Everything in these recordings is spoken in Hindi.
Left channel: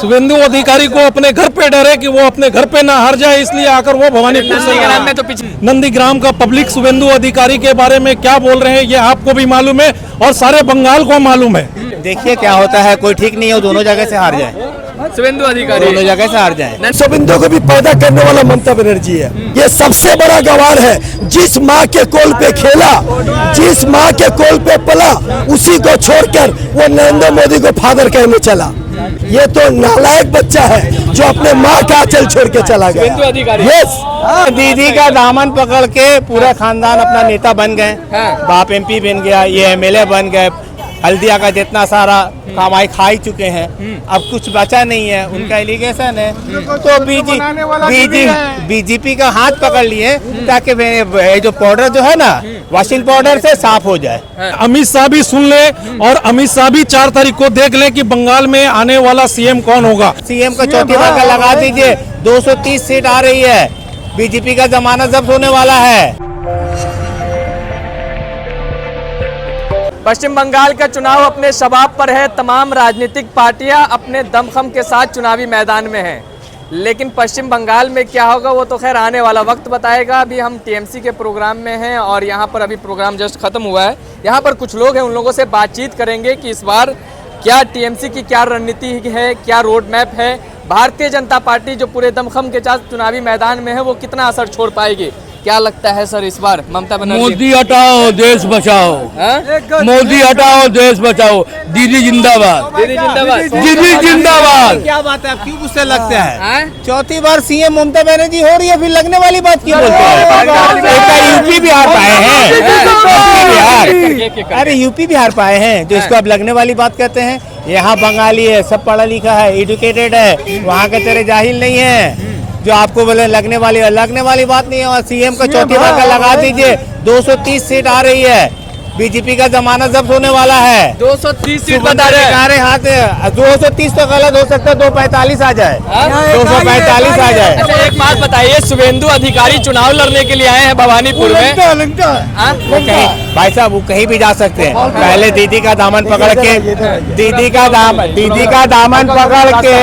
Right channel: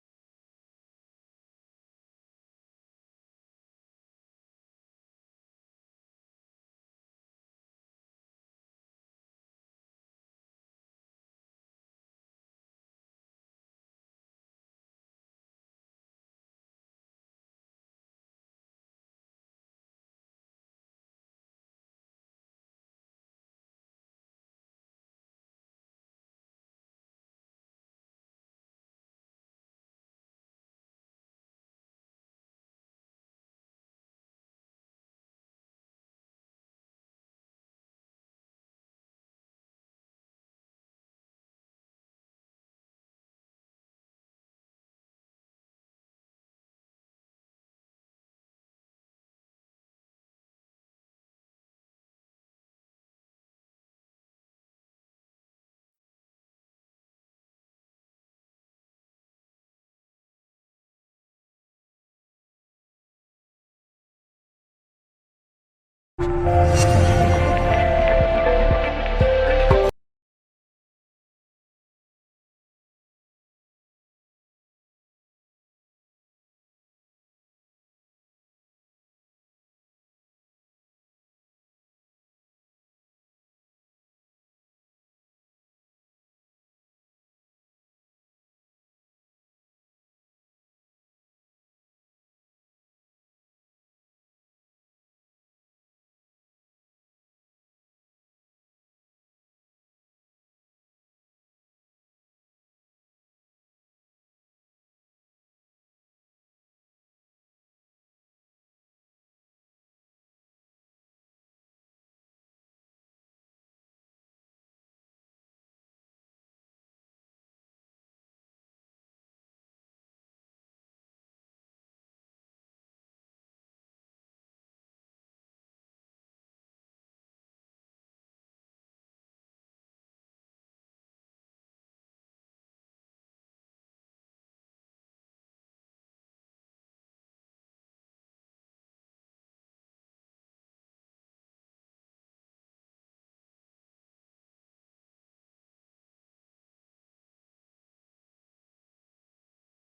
शुभेंदु अधिकारी को अपने घर पे डर है कि वो अपने घर पे ना हार जाए, इसलिए आकर वो भवानीपुर नंदीग्राम में तो नंदीग्राम का पब्लिक शुभेंदु अधिकारी के बारे में क्या बोल रहे हैं ये आपको भी मालूम है और सारे बंगाल को मालूम है। देखिए क्या होता है, कोई ठीक नहीं हो, दोनों जगह से हार जाए, शुभेंदु अधिकारी दोनों जगह से हार जाए। शुभेंदु को भी पैदा करने वाला ममता बनर्जी है। ये सबसे बड़ा गवार है। जिस माँ के कोल पे खेला, जिस माँ के कोल पे पला, उसी को छोड़कर वो नरेंद्र मोदी को फादर कहने चला। ये तो नालायक बच्चा है जो अपने माँ का आंचल छोड़ के चला गया। यस, दीदी का दामन पकड़ के पूरा खानदान अपना नेता बन गए। बाप एमपी बन गया, ये एमएलए बन गए, हल्दिया का जितना सारा कमाई खा ही चुके हैं, अब कुछ बचा नहीं है। उनका एलिगेशन है तो बीजेपी का हाथ पकड़ लिए ताकि जो पाउडर जो है ना, वॉशिंग पाउडर से साफ हो जाए। अमित शाह भी सुन ले और अमित शाह भी 4 तारीख को देख ले कि बंगाल में आने वाला सीएम कौन होगा। सीएम का चौथी बार का लगा दीजिए, 230 सीट आ रही है, बीजेपी का जमाना जब्त होने वाला है। पश्चिम बंगाल का चुनाव अपने शबाब पर है। तमाम राजनीतिक पार्टियां अपने दमखम के साथ चुनावी मैदान में हैं, लेकिन पश्चिम बंगाल में क्या होगा वो तो खैर आने वाला वक्त बताएगा। अभी हम टीएमसी के प्रोग्राम में हैं और यहाँ पर अभी प्रोग्राम जस्ट खत्म हुआ है। यहाँ पर कुछ लोग हैं, उन लोगों से बातचीत करेंगे कि इस बार क्या टीएमसी की क्या रणनीति है, क्या रोड मैप है। भारतीय जनता पार्टी जो पूरे दमखम के साथ चुनावी मैदान में है वो कितना असर छोड़ पाएगी। क्या लगता है सर इस बार ममता बनर्जी? मोदी हटाओ देश बचाओ, मोदी हटाओ देश बचाओ, दीदी जिंदाबाद, दीदी जिंदाबाद, दीदी जिंदाबाद। क्या बात है, क्यों गुस्सा लगता है? चौथी बार सीएम ममता बनर्जी हो रही है, फिर लगने वाली बात क्यों बोलते हैं? यूपी बिहार पाए हैं, अरे यूपी बिहार पाए हैं जो इसको अब लगने वाली बात कहते हैं। यहाँ बंगाली है, सब पढ़ा लिखा है, एजुकेटेड है, वहाँ के तेरे जाहिल नहीं है जो आपको बोले लगने वाली बात नहीं है। और सीएम का चौथी बार का लगा दीजिए, 230 सीट आ रही है, बीजेपी का जमाना जब्त होने वाला है। 230 सीट बता रहे हैं। हाथ 230 तो गलत हो सकता है, 245 आ जाए, 245 आ जाए। अच्छा एक बात बताइए, शुभेंदु अधिकारी चुनाव लड़ने के लिए आए हैं भवानीपुर में। भाई साहब वो कहीं भी जा सकते हैं। पहले दीदी का दामन पकड़ के, दीदी का दामन पकड़ के,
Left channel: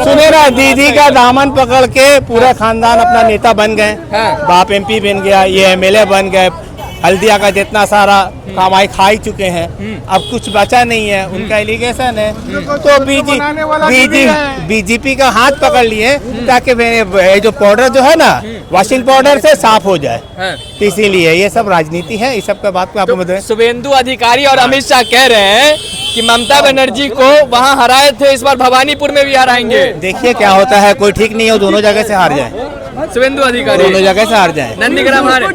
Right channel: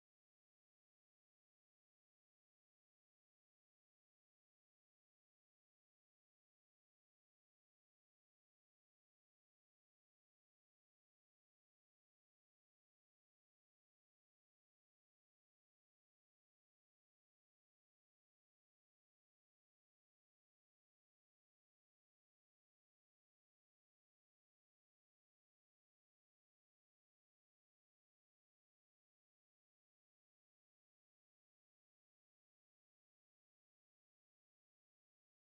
सुने ना, दीदी का दामन पकड़ के पूरा खानदान अपना नेता बन गए। बाप एमपी बन गया, ये एमएलए बन गए, हल्दिया का जितना सारा कमाई खा ही चुके हैं, अब कुछ बचा नहीं है। उनका एलिगेशन है तो बीजेपी का हाथ पकड़ लिए ताकि जो पाउडर जो है ना, वॉशिंग पाउडर से साफ हो जाए। तो इसीलिए ये सब राजनीति है, इस सब का बात पे आपको बताएं। शुभेंदु अधिकारी और अमित शाह कह रहे हैं कि ममता बनर्जी को वहां हराए थे, इस बार भवानीपुर में भी हराएंगे। देखिए क्या होता है, कोई ठीक नहीं हो, दोनों जगह से हार जाए, शुभेंदु अधिकारी दोनों जगह से हार जाए। नंदीग्राम हारे।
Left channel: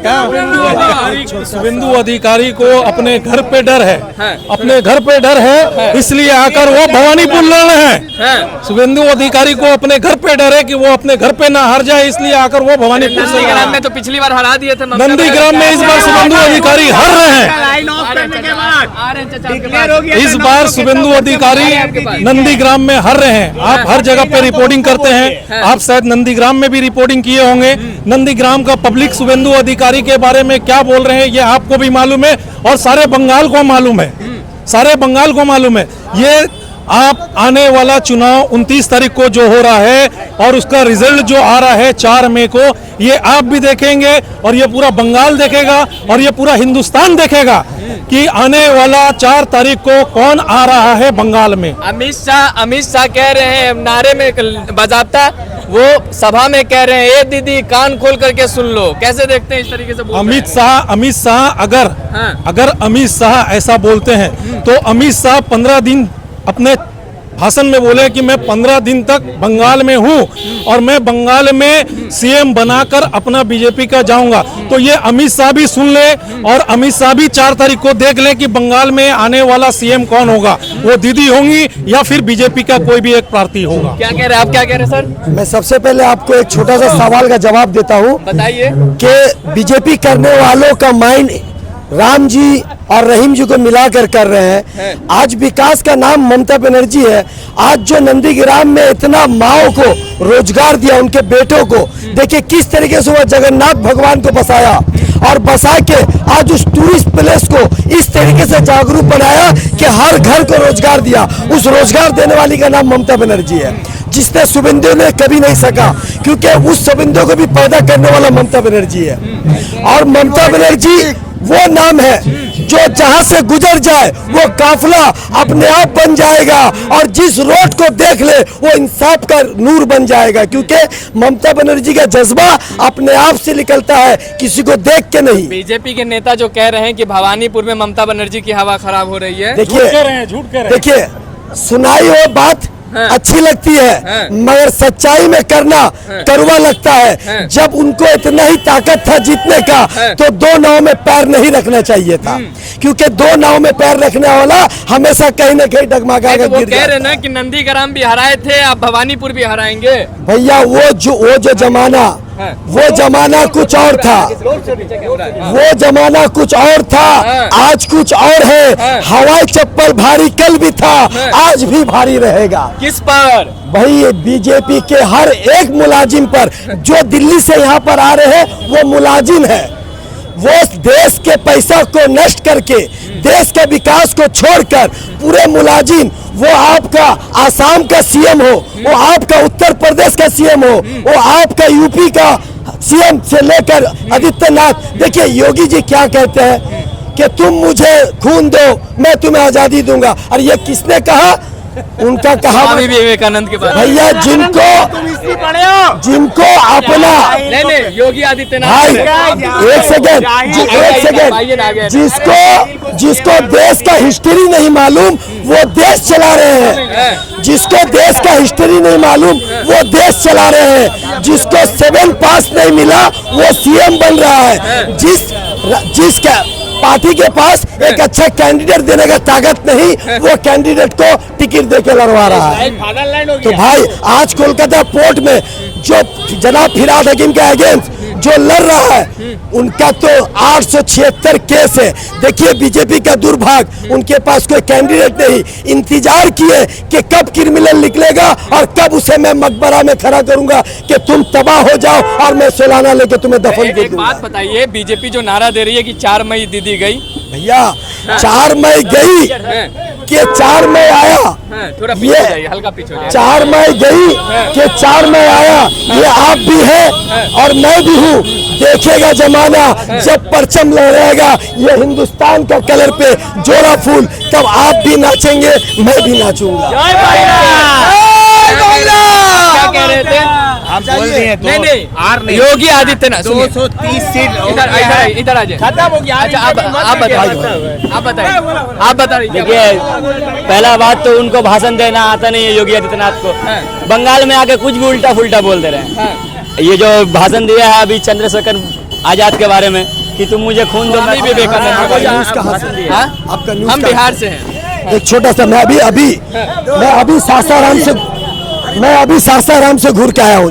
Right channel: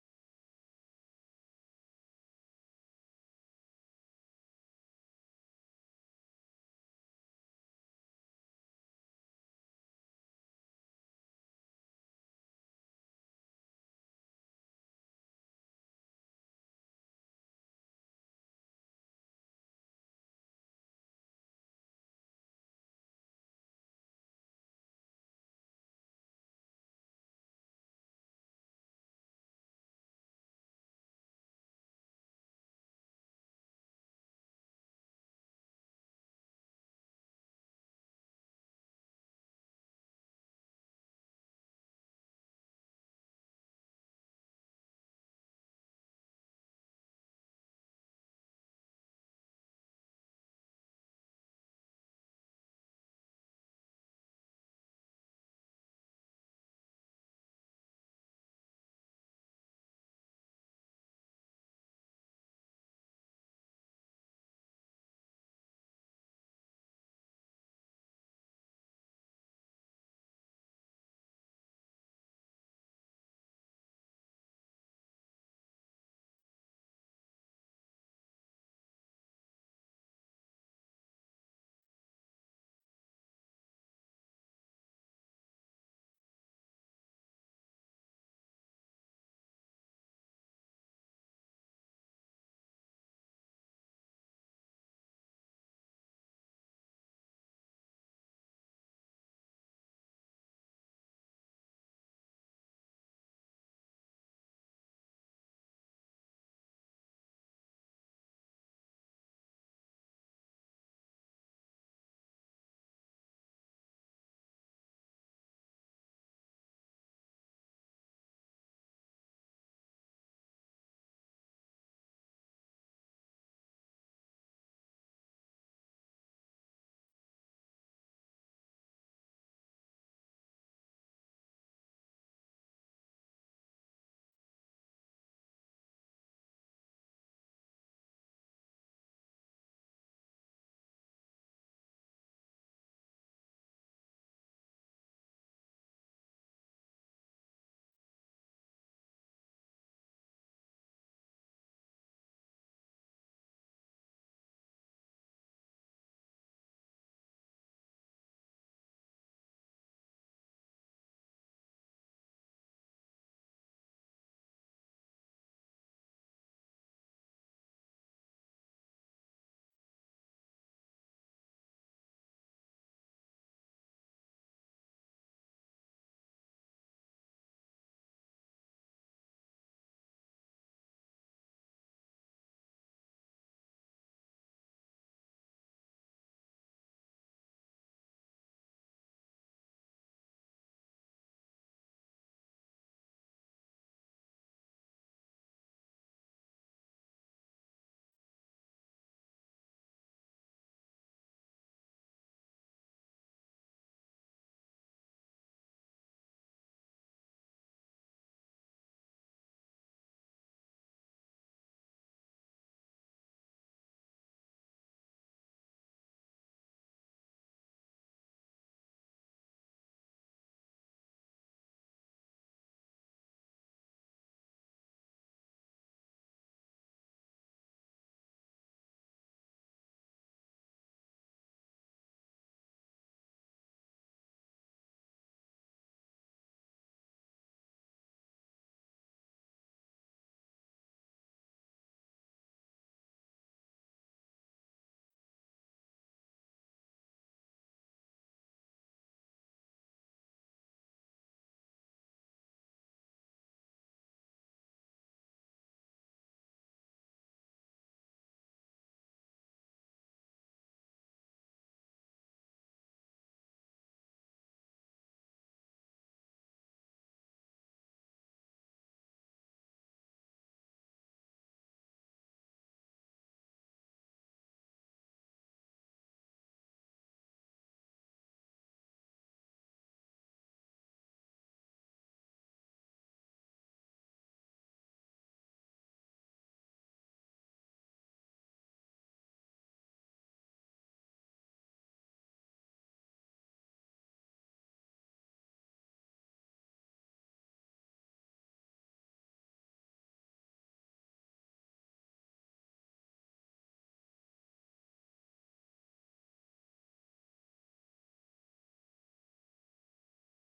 शुभेंदु अधिकारी को अपने घर पे डर है, अपने घर पे डर है, इसलिए आकर वो भवानीपुर लड़ रहे हैं। शुभेंदु अधिकारी को अपने घर पे डर है कि वो अपने घर पे ना हार जाए, इसलिए आकर वो भवानीपुर से। नंदीग्राम में तो पिछली बार हरा दिए थे। नंदीग्राम में इस बार शुभेंदु अधिकारी हार रहे हैं। इस बार शुभेंदु अधिकारी नंदीग्राम में हार रहे हैं। आप हर जगह पे रिपोर्टिंग करते हैं, आप शायद नंदीग्राम में भी रिपोर्टिंग किए होंगे। नंदीग्राम का पब्लिक शुभेंदु अधिकारी के बारे में क्या बोल रहे हैं ये आपको भी मालूम है और सारे बंगाल को मालूम है, सारे बंगाल को मालूम है। ये आप आने वाला चुनाव 29 तारीख को जो हो रहा है और उसका रिजल्ट जो आ रहा है 4 मई को, ये आप भी देखेंगे और ये पूरा बंगाल देखेगा और ये पूरा हिंदुस्तान देखेगा कि आने वाला 4 तारीख को कौन आ रहा है बंगाल में। अमित शाह कह रहे हैं, नारे में बाजाबता वो सभा में कह रहे हैं, ए दीदी कान खोल करके सुन लो। कैसे देखते हैं इस तरीके से अमित शाह अगर अमित शाह ऐसा बोलते हैं तो अमित शाह 15 दिन अपने भाषण में बोले कि मैं 15 दिन तक बंगाल में हूं और मैं बंगाल में सीएम बनाकर अपना बीजेपी का जाऊंगा। तो ये अमित शाह भी सुन ले और अमित शाह भी 4 तारीख को देख ले कि बंगाल में आने वाला सीएम कौन होगा, वो दीदी होंगी या फिर बीजेपी का कोई भी एक प्रार्थी होगा। क्या कह रहे हैं आप, क्या कह रहे हैं सर? मैं सबसे पहले आपको एक छोटा सा सवाल का जवाब देता हूँ। बताइए कि बीजेपी करने वालों का माइंड राम जी और रहीम जी को मिलाकर कर रहे हैं। आज विकास का नाम ममता बनर्जी है। आज जो नंदीग्राम में इतना माओ को रोजगार दिया, उनके बेटों को, देखिए किस तरीके से वो जगन्नाथ भगवान को बसाया और बसा के आज उस टूरिस्ट प्लेस को इस तरीके से जागरूक बनाया कि हर घर को रोजगार दिया। उस रोजगार देने वाली का नाम ममता बनर्जी है। जिसने शुभेंदु ने कभी नहीं सका, क्योंकि उस शुभेंदु को भी पैदा करने वाला ममता बनर्जी है। और ममता बनर्जी वो नाम है जो जहां से गुजर जाए वो काफिला अपने आप बन जाएगा, और जिस रोड को देख ले वो इंसाफ का नूर बन जाएगा, क्योंकि ममता बनर्जी का जज्बा अपने आप से निकलता है, किसी को देख के नहीं। बीजेपी के नेता जो कह रहे हैं कि भवानीपुर में ममता बनर्जी की हवा खराब हो रही है, देखिए सुनाई वो बात अच्छी लगती है, मगर सच्चाई में करना कड़वा लगता है। जब उनको इतना ही ताकत था जीतने का, तो दो नाव में पैर नहीं रखना चाहिए था, क्योंकि दो नाव में पैर रखने वाला हमेशा कहीं न कहीं डगमगा कर वो गिर कह रहे जाता ना कि नंदीग्राम भी हराए थे, आप भवानीपुर भी हराएंगे। भैया वो जो जमाना कुछ और था, वो जमाना कुछ और था, आज कुछ और है। हवाई चप्पल भारी कल भी था, आज भी भारी रहेगा। किस पर? भाई बीजेपी के हर एक मुलाजिम पर, जो दिल्ली से यहाँ पर आ रहे हैं वो मुलाजिम है। वो देश के पैसा को नष्ट करके, देश के विकास को छोड़कर पूरे मुलाजिम, वो आपका आसाम का सीएम हो, वो आपका उत्तर प्रदेश का सीएम हो, वो आपका यूपी का सीएम से लेकर आदित्यनाथ, देखिए योगी जी क्या कहते हैं कि तुम मुझे खून दो मैं तुम्हें आजादी दूंगा। और ये किसने कहा? उनका कहा स्वामी विवेकानंद के बारे में। भैया जिनको अपना नहीं योगी आदित्यनाथ। भाई एक सेकेंड, जिसको देश का हिस्ट्री नहीं मालूम वो देश चला रहे हैं, जिसको देश का हिस्ट्री नहीं मालूम वो देश चला रहे हैं, जिसको 7 पास नहीं मिला वो सीएम बन रहा है, जिसका पार्टी के पास एक अच्छा कैंडिडेट देने का ताकत नहीं, वो कैंडिडेट को टिकट देके लड़वा रहा है। तो भाई आज कोलकाता पोर्ट में जो जनाब फिराद हकीम के अगेंस्ट जो लड़ रहा है, उनका तो 876 केस है। देखिए बीजेपी का दुर्भाग्य, उनके पास कोई कैंडिडेट नहीं। इंतजार किए कि कब क्रिमिनल निकलेगा और कब उसे मैं मकबरा में खड़ा करूंगा कि तुम तबाह हो जाओ और मैं सोलाना लेके तुम्हें दफन कर दूंगा। बात बताइए, बीजेपी जो नारा दे रही है कि 4 मई दीदी गई, भैया 4 मई गई कि 4 मई आया, थोड़ा पीछे जाइए, हल्का पीछे हो जाइए। 4 मई गई कि 4 मई आया, ये आप भी है और मैं भी हूँ। देखेगा जमाना जब परचम लहराएगा ये हिंदुस्तान का कलर पे जोड़ा फूल, तब आप भी नाचेंगे मैं भी नाचूंगा। क्या कह रहे थे? हम बोल दिए तो नहीं योगी आदित्यनाथ 230 सीट इधर आ जाए। खत्म हो गया। अच्छा आप बताइए। देखिए पहला बात तो उनको भाषण देना आता नहीं है योगी आदित्यनाथ को। बंगाल में आके कुछ भी उल्टा फुल्टा बोल दे रहे हैं। ये जो भाषण दिया है अभी चंद्रशेखर आजाद के बारे में कि तुम मुझे खून दो, मैं विवेकानंद का भाषण दिया। हम बिहार से हैं। एक छोटा सा मैं अभी सासाराम से घूर के आया हूँ।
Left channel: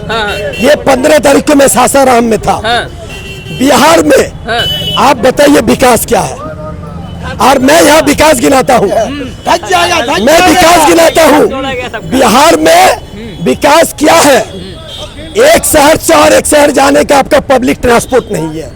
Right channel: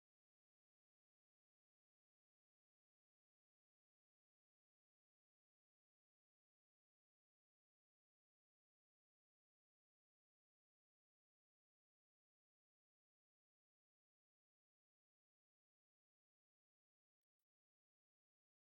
ये 15 तारीख को मैं सासाराम में था। बिहार में आप बताइए विकास क्या है? और मैं यहाँ विकास गिनाता हूँ, मैं विकास गिनाता हूँ। बिहार में विकास क्या है? एक शहर से और एक शहर जाने का आपका पब्लिक ट्रांसपोर्ट नहीं है।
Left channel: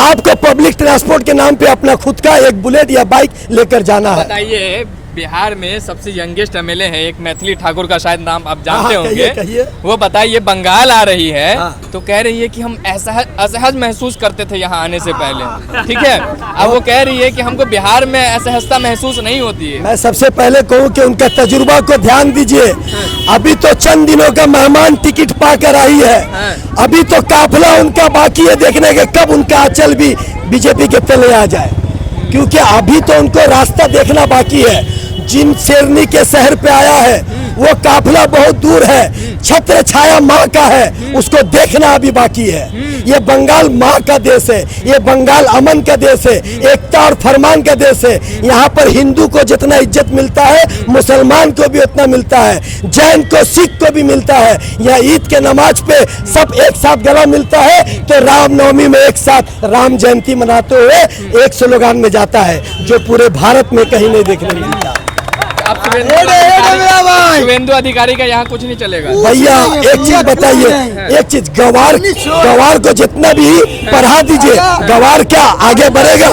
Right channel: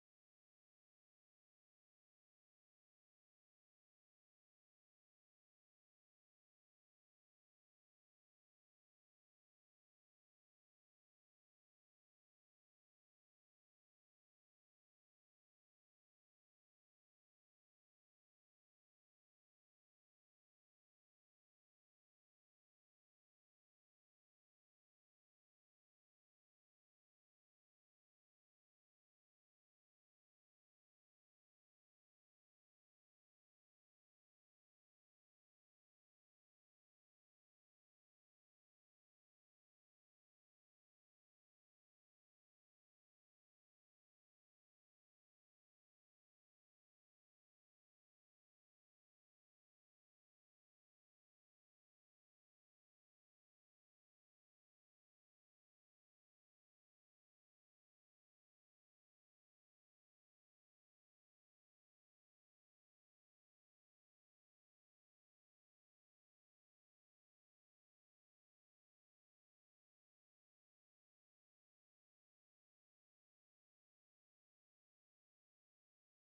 आपको पब्लिक ट्रांसपोर्ट के नाम पे अपना खुद का एक बुलेट या बाइक लेकर जाना है। बताइए, बिहार में सबसे यंगेस्ट एमएलए है एक मैथिली ठाकुर का, शायद नाम आप जानते होंगे। कहिए। वो बताइए बंगाल आ रही है तो कह रही है कि हम असहज महसूस करते थे यहाँ आने से पहले, ठीक है। अब वो कह रही है कि हमको बिहार में असहजता महसूस नहीं होती है। मैं सबसे पहले कहूँ कि उनका तजुर्बा को ध्यान दीजिए। अभी तो चंद दिनों का मेहमान टिकट पाकर आई है, अभी तो काफिला उनका बाकी है देखने के कब उनका आंचल भी बीजेपी के तले आ जाए, क्योंकि अभी तो उनको रास्ता देखना बाकी है। जिन शेरनी के शहर पे आया है वो काफिला बहुत दूर है, छत्र छाया माँ का है, उसको देखना अभी बाकी है। ये बंगाल माँ का देश है, ये बंगाल अमन का देश है, एकता और फरमान का देश है। यहाँ पर हिंदू को जितना इज्जत मिलता है मुसलमान को भी उतना मिलता है, जैन को सिख को भी मिलता है। यहाँ ईद के नमाज पे सब एक साथ गला मिलता है, तो रामनवमी में एक साथ राम जयंती मनाते हुए एक स्लोगान में जाता है, जो पूरे भारत में कहीं नहीं देखने मिलता। अब शुभेंदु अधिकारी का यहाँ कुछ नहीं चलेगा। भैया एक चीज बताइए, एक चीज, गवार को जितना भी पढ़ा दीजिए, गवार क्या आगे बढ़ेगा?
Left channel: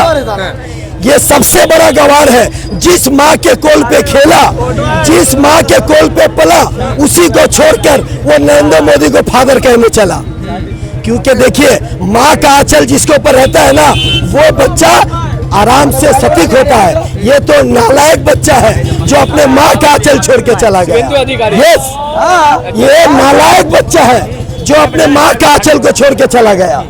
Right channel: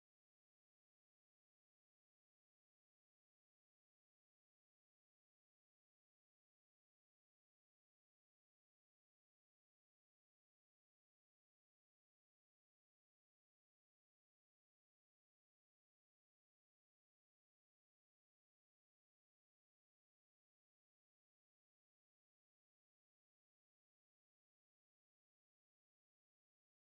ये सबसे बड़ा गवार है। जिस माँ के कोल पे खेला, जिस माँ के कोल पे पला, उसी को छोड़कर वो नरेंद्र मोदी को फादर कहने चला। क्योंकि देखिए, माँ का आंचल जिसके ऊपर रहता है ना, वो बच्चा आराम से सटीक होता है। ये तो नालायक बच्चा है जो अपने माँ का आंचल छोड़ के चला गया। यस, ये नालायक बच्चा है जो अपने माँ का आंचल को छोड़ के चला गया।